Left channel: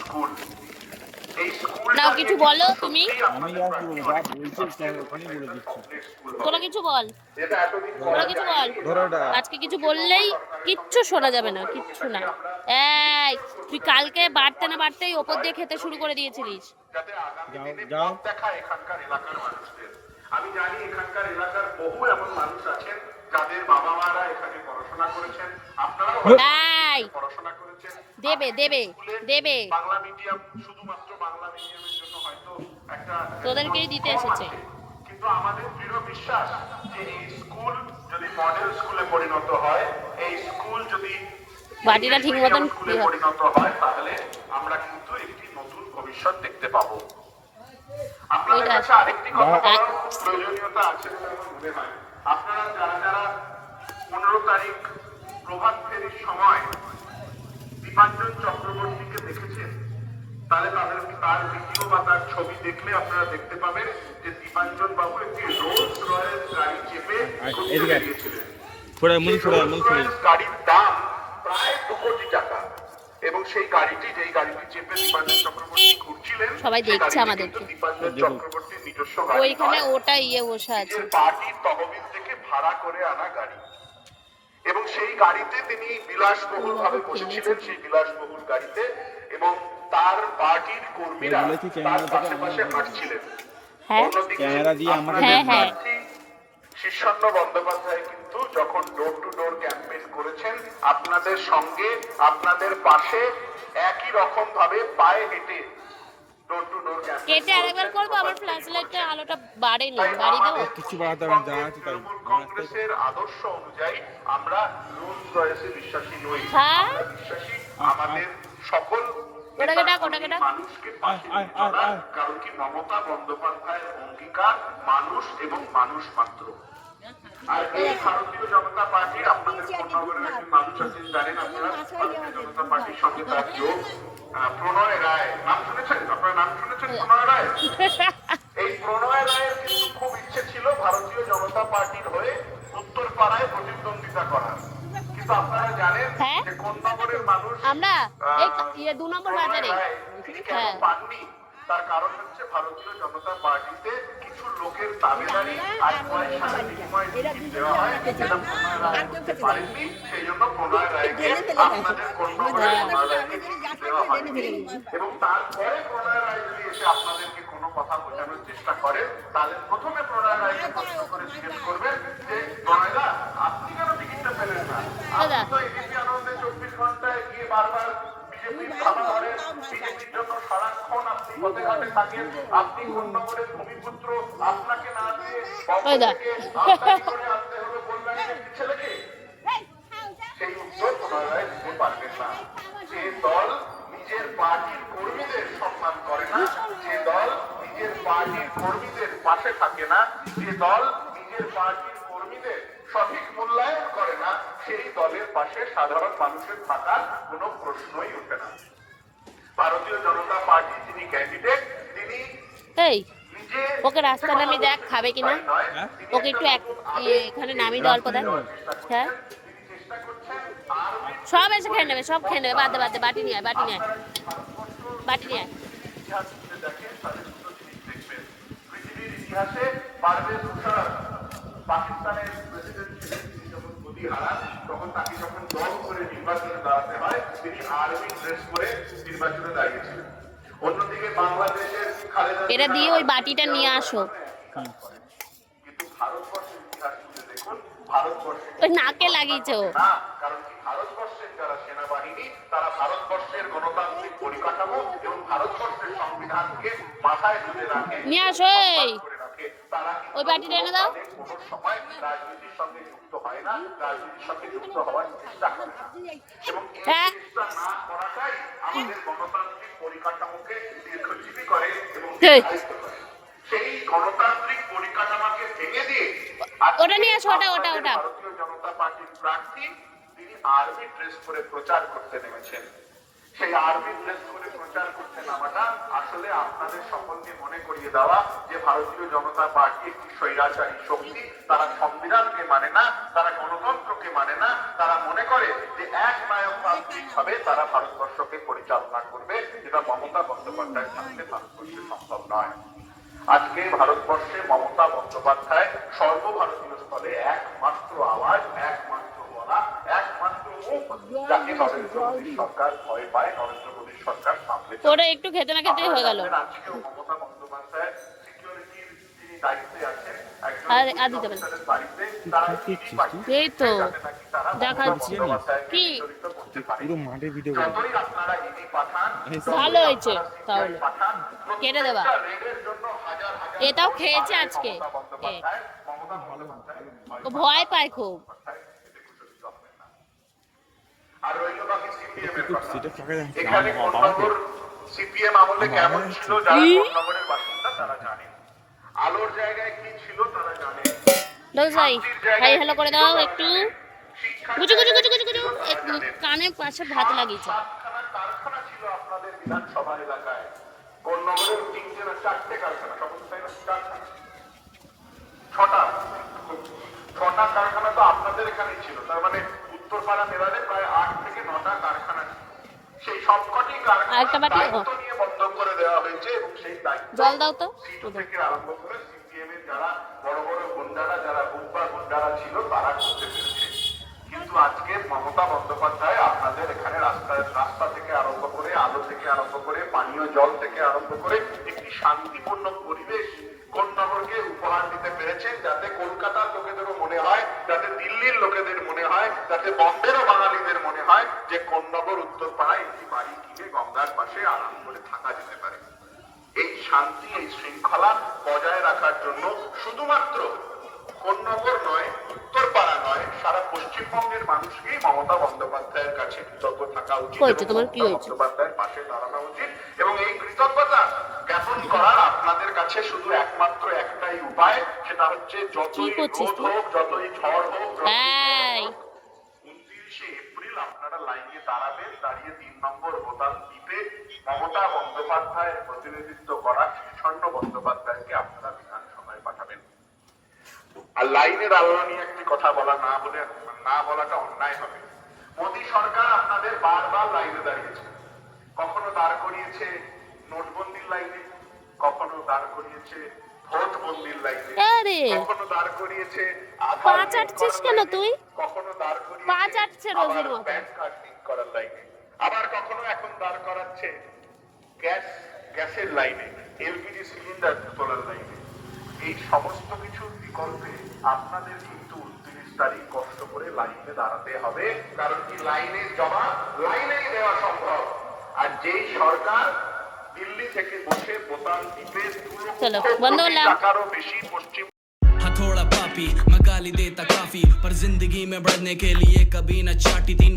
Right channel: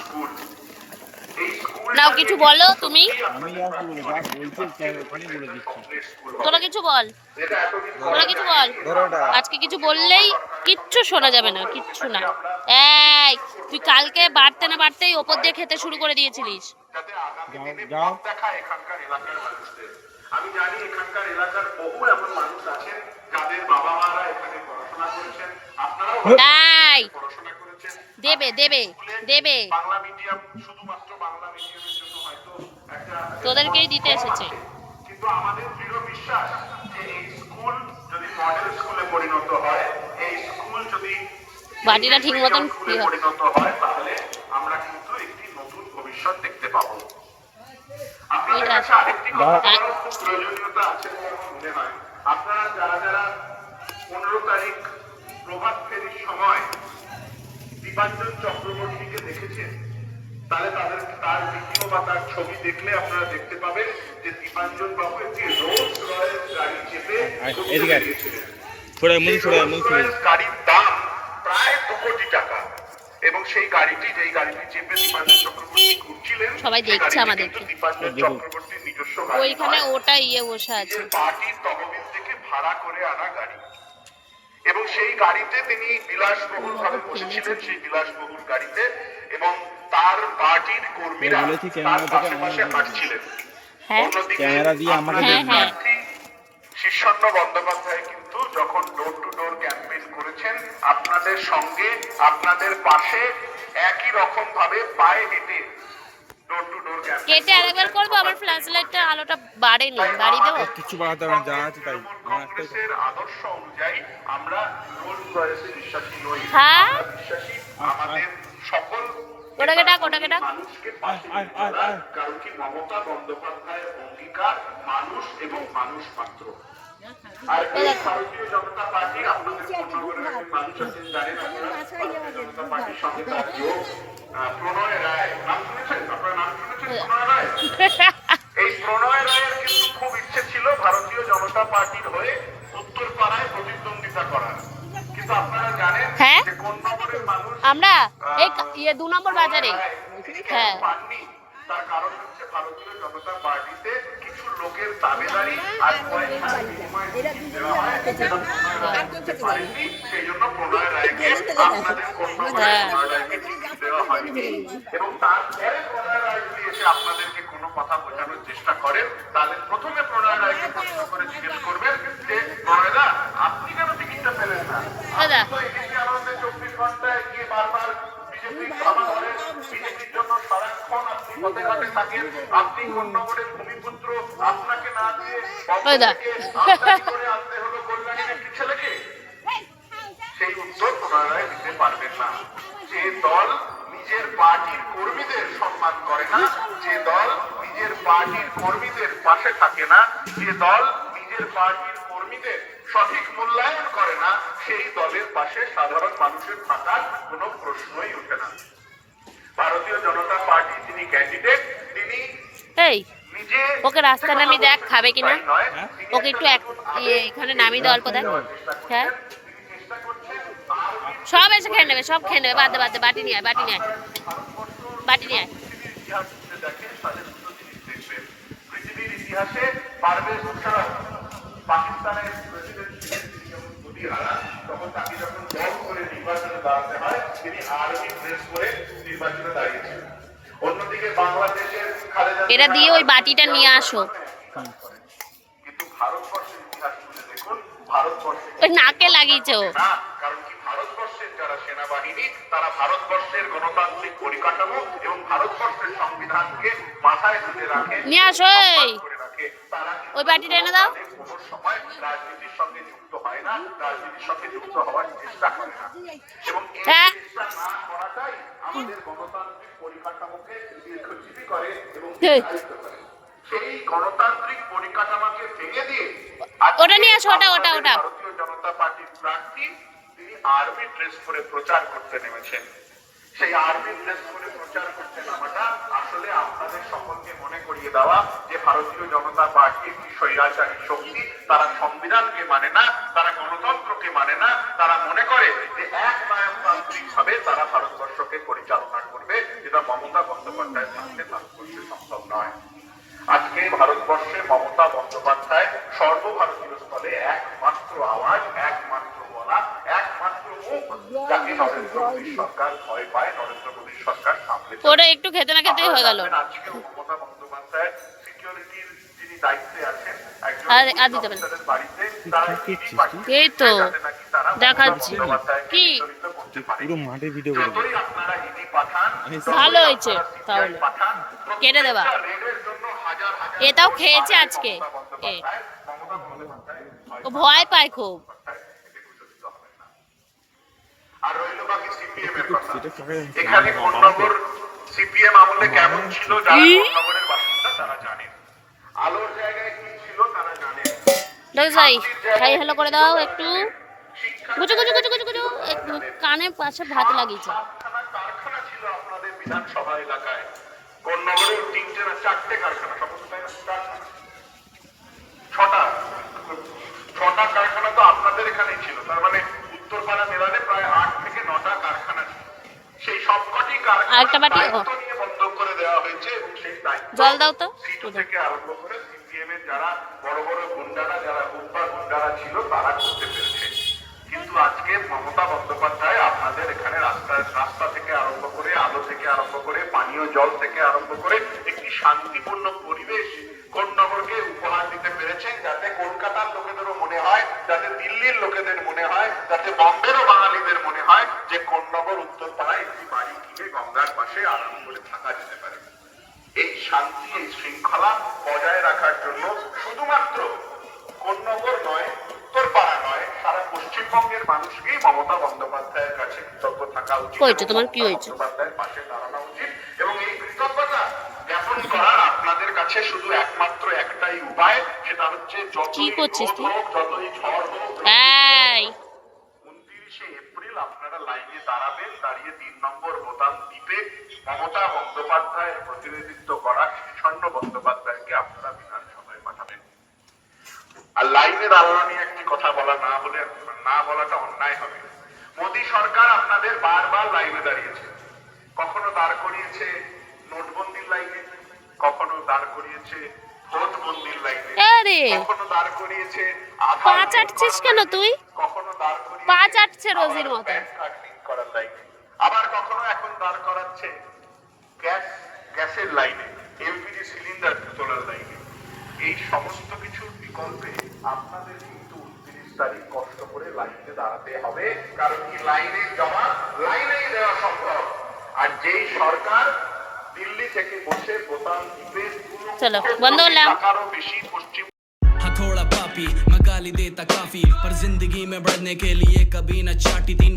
School. নাও কিছু বলো তুমি। আমি আর কি বলবো, যা বলছি ওখানেই বলে দিচ্ছি। তোরা কিছু বল, তোরা কিছু বল। আজকে কিছু বললেই কিচ্ছু শোনা যাবে না, কিচ্ছু না। এই তুই কালকে বাড়তে না বাড়তেই ওপর দিয়ে খেতে শুরু করে দিয়েছিলিস। যাও আমি জানি এখানকার এলাকার বহু এমন মানুষ আছেন যাদের বাবা মারা এখানে পড়াশোনা করেছেন, আপনারাও পড়াশোনা করেছেন। দেবে দেবে দেবে, বাংলা মিডিয়াম, শুধুমাত্র বাংলা মিডিয়ামের জন্য হয়তো একটা তোদেরকেই দিতে এসেছে। কিন্তু আমাদের দৃঢ় বিশ্বাস যে এই স্কুল যদি মডেল স্কুলে পরিণত হয়, এই স্কুল যদি বাটিটা ঠিক মতন পরিণত হয়, তাহলে আমরা কিন্তু একটি নতুন ভবিষ্যৎ দেখতে পাবো। আপনাদের কাছে আরেকটি কথা বলার খুব প্রয়োজনীয়তা আছে বলে মনে হয়। আপনারা যারা যারা 15 তারিখ প্রভাত ফেরির সময় দীপাঞ্জন চক্রবর্তীকে দেখেছেন, তাহলে তার ভিডিও বা তার ছবি দেখলে আপনারা দেখতে পাবেন যে দীপাঞ্জন বাবু একটি রোলস রয়েস গাড়ি চেপে গাড়ির দাম প্রায় 2 কোটি টাকা, এবং সেই গাড়িটি, যেই গাড়িটি চেপে দীপাঞ্জন চক্রবর্তী ঘুরছিলেন, সবাই দেখছে আমাদেরকে। দীপাঞ্জন চক্রবর্তীর নিজস্ব গাড়ি, ওইখানে ওটা বসে আছে, পার্টির তহবিল থেকে ভাড়া করে আনা গাড়ি। এবং সেই গাড়িতে তিনি বিলাসবহুল ভাবে বসেছিলেন, সেই বিলাসবহুল গাড়িতে, এবং তার পার্টির কর্মীরা তার পাশে হাঁটছিলেন। ক্যামেরা দিয়ে আমাকে শীর্ষণ্য বন্দ্যোপাধ্যায় কিন্তু যখন ডোর টু ডোর ক্যাম্পেইন করেছেন, আপনাদের সঙ্গে আপনাদের পাশে একই রকম ভাবে পায়ে হেঁটে ডোর টু ডোর ক্যাম্পেইন কেটে আরেকবার করব। আমার ফ্ল্যাশ লাইটটা আলোটা বাড়েনি, বাড়ি দেবো। কিছু বাড়াতে হবে না, যা আছে তাই। কংগ্রেসের আদর্শ অনুযায়ী আমরা রোলস রয়েসে বিশ্বাসী নই। হ্যাঁ, আমাদের সকল ওটাকে ডাক, ওটাকে ডাক। কারণ কি মমতা বন্দ্যোপাধ্যায়ের অঙ্গীকার মানুষ এবং মানুষ মাত্র। আর এই ভারতীয় জনতা পার্টি, আপনাদের পূর্ণবরের মানুষ আছেন জানেন, ভারতীয় জনতা পার্টির সঙ্গে তার যোগ প্রণয় রায়, নাম শুনেছেন আপনারা? নাম শুনেছেন প্রণয় রায়? এই প্রণয় রায়ের কিন্তু খুব ইচ্ছে ছিল ভারতীয় জনতা পার্টির হয়ে উত্তরপাড়ায় প্রতিদ্বন্দ্বিতা করার, কিন্তু আপনারা জানেন যে কোন নম্বরের মানুষ আমরা এই 2 নম্বর বাজারে। হ্যাঁ, তার কারণ হচ্ছে ভারতীয় জনতা পার্টিতে কিছু লোকের তাবেদারি আর সেই জন্য প্রণয় রায়কে আপনাদের দেওয়া হয়নি। এবং তারপরে প্রণয় রায় যদি এসে আপনাদেরকে কোনো কথা বোঝানোর চেষ্টা করেন, তাহলে প্রথমে প্রণয় রায়কে প্রশ্ন করে জিজ্ঞেস করবেন যে প্রণয়দা, আপনি কেন টিকিটটা পেলেন না? আপনি তো এবিপি আনন্দে 24 ঘন্টায় গিয়ে বারবার বিজেপির ধামা ধরেন, বিজেপির জন্য সারাক্ষণ আপনি পথে পথে থাকেন, আপনি কোন নম্বরের ভূমিপুত্র, আপনাকে না দিয়ে করে আনতে হলো কল্যাণীর একটি ছেলেকে। সেই উত্তর প্রণয় রায় দিতে পারবেন না। যে দল নিজের পার্টির কর্মীদের সম্মান করে না, যে দল নিজের পার্টির কর্মীদের পাশে থাকে না, যে দল নিজের পার্টির কর্মীদের সঠিক মূল্যায়ন করে না, সেই দলের পাশে সাধারণ মানুষের থাকার কোনো প্রশ্নই ওঠে না। ভারতীয় জনতা পার্টি যিনি ক্যান্ডিডেট, তিনি নিজে ওকে রাস্তা নামি দেখ খাবে কিনা, ওকে একটু এখানে নামি দেওয়া অল্প দেখ। হ্যাঁ, সব এসে খেয়ে নেবে, সব খেয়ে নেবে, বাদ দে, বাটি নিয়ে আয়, বাটি নিয়ে আয়, বাটি নিয়ে আয়। পৃথিবীর ইতিহাসে পারভেজ মুশারফ পাকিস্তানের তখন তাকে যখন দল করে নির্বাচনে দাঁড়াতে হয়, তিনি আর্মি ড্রেস করে নির্বাচনে দাঁড়িয়েছিলেন। অন্যদিকে বাংলাদেশের এটা দিয়ে ওই বাটিটা নিয়ে আসো। কিন্তু ভারতবর্ষের ইতিহাস তুলে দেখুন, ভারতবর্ষে ওই নাকে লাগিয়েছে ও। কারণ কি ভারতবর্ষের যারা সেনাবাহিনী, তারা ভারতবর্ষের গণতান্ত্রিক পরিকাঠামো এবং ভারতবর্ষের সংবিধানকে মাথায় তুলে রাখে, নিয়ে আসো। তারা ওই বাটিটা এনে দাও। কোনো সময় রাজনীতির সঙ্গে যুক্ত হয় না, রাজনীতির সঙ্গে যুক্ত হওয়ার চেষ্টা করে না, এবং এই চেষ্টা না করাটাই আমাদের গণতান্ত্রিক পরিকাঠামোকে দীর্ঘজীবী করে এবং সেই গণতান্ত্রিক পরিকাঠামোকে ভেঙে দিয়ে ওটা নিয়ে আসো, ওটা ভারতীয় জনতা পার্টির প্রার্থী তিনি আর্মি ড্রেস করে প্রচার করতে নেমেছেন। সেই আরবি ড্রেস করে প্রচার করতে নামাটা আসলে আপনাদের সকলকে মনে করিয়ে দেওয়া যে ভারতীয় জনতা পার্টি একটি স্বৈরাচারী শক্তি। তারা সংবিধানকে মানে না, তারা গণতন্ত্রকে মানে না, তারা মনে করে যে এক নায়কতান্ত্রিক ভাবে তারা ভারতবর্ষকে পরিচালনা করবে, যেটা মমতা বন্দ্যোপাধ্যায়ের পক্ষে ভারতবর্ষে সম্ভব নয়। আজকে ভারতবর্ষে মমতা বন্দ্যোপাধ্যায় সর্বভারতীয় স্তরে একমাত্র আওয়াজ, একমাত্র বলা, একমাত্র মুখ, যাকে নরেন্দ্র মোদীর সরকার ভয় পায়, নরেন্দ্র মোদীর সরকার সামলে। ওরা একটু খেতে না খেতেই হয়ে গেল। আজকে মমতা বন্দ্যোপাধ্যায় সিকিউরিটির যিনি দায়িত্বে আছেন, একজন আর দিতে পারেন। বাড়িতে তারা এই তো যাতে নাকি তারা দেখাচ্ছি কি পুরো মাঠে ভিডিও করে যতই আপনারা ইডি পাঠান, ভালো হয়েছে তাহলে পাঠান, কেটে দেবা। রেডের জন্য হাজার হাজার এটাও খেয়েছে আজকে এ, ও ভয় পায় খুব। আর রইল বাকি সিপিএম এর কথা। সেটা কাকে জানছে? এখানে আমার কোন বাবাকে? নম্বর সিপিএম আমলে কেমন ছিল যারা কোন নম্বরের বাসিন্দা তারা জানেন, আলোর জায়গায় কি ছিল তারা জানেন। যাই হাই হ্যালো করে দাও একটু। গুজু গুজু গুজু গুজু গুজু কানে পাশে ভাত লাগিয়েছে। কারখানা কারখানা ছিল আপনাদের বিধানসভা এলাকায়, কোন নম্বরের তিনটে না চারটে কারখানা, সমস্ত ছটা কারখানা তো আপনাদের এখানেই ছিল। তার মানে উত্তরপাড়া দেওয়ালে প্রায় 8 থেকে 9টা কারখানা ছিল। সেই সবকটি আরেকটা বাটি, ও। দায়িত্ব নিয়ে বন্ধ করে দেওয়া হয়েছে এবং সেই দায়িত্ব জল দাও তো। সিটু থেকে আরম্ভ করে সিপিএম এর যারা বড় বড় গুন্ডারা, যারা হুব্বা গুন্ডারা ছিল তারা করতে পেরেছে। কিন্তু আজকে মমতা বন্দ্যোপাধ্যায় আপনাদের এখানে রাস্তা থেকে আরম্ভ করে, আলো থেকে আরম্ভ করে, পানীয় জল থেকে আরম্ভ করে একটি শান্তিপূর্ণ পরিবেশ কোন্নগরকে উপহার দিতে পেরেছেন, যাতে কলকাতার লোকেদেরও মনে হয়, যাতে দিল্লির লোকেদের মনে হয়, যাতে বম্বেরও বাঙালিদের মনে হয় যে কোন্নগর উত্তরপাড়ায় একটি বাড়ি কিনে গঙ্গার পাশে আরাম করে থাকা যেতে পারে। এই শান্তি, এই শৃঙ্খলা বজায় রাখার জন্য শুধুমাত্র কোন্নগর নয়, উত্তরপাড়া নয়, সারা পশ্চিমবঙ্গের মানুষকেই মমতা বন্দ্যোপাধ্যায়ের কাছে কৃতজ্ঞ থাকা উচিত। কইছো তোমার কি হয়েছে? বন্দ্যোপাধ্যায়ের পাশে দাঁড়ানো উচিত এবং এই কৃতজ্ঞতা জ্ঞাপন করার আপনাদের কাছে শুধু একমাত্র একটাই উপায়, সেটা হচ্ছে কি করছিস তুই? যতই ঝড় হোক, এই 29শে এপ্রিল আপনারা লাইনে দাঁড়াবেন, দাঁড়িয়ে 3 নম্বর বোতাম টিপে মমতা বন্দ্যোপাধ্যায়ের প্রতিনিধিত্ব করা স্বর্ণ বন্দ্যোপাধ্যায়কে আপনারা বিধানসভায় পাঠাবেন। আর লাইনে দাঁড়ানো নিয়ে একটি কথা না বলাটা অন্যায় হবে। মোদী সরকার আপনাদের বারবার লাইনে দাঁড়িয়েছে, কখনো দাঁড় করিয়েছে নোটবন্দির লাইনে, কখনো দাঁড় করিয়েছে ভোটবন্দির লাইনে, আরে কখনো দাঁড় করিয়েছে পা চাটছিস কেন তুই? কখনো দাঁড় করিয়েছে পা চাটছে রোজির মতো। ব্যাংক কার্ডিং করার লাইনে, আবার কখনো এখন দাঁড় করাচ্ছে গ্যাসের লাইনে, এলপিজি সিলিন্ডার তোলার লাইনে। এই সমস্ত কিছুর বিকল্পে আপনাদের কিন্তু 29 তারিখ কষ্ট করে লাইনে দাঁড়াতে হবে, কারণ কি লাইনের জমা লাইনেই দেওয়া সম্ভব। আর যেই সরকার দিল্লি থেকে বসে বোতাম টিপে চলো বন্ধ করলাম। টাকারও বেশি পশ্চিম थोड़ा पापी मैं गाली देता काफी पर जिंदगी में बढ़ने के लिए कभी न चाटी 3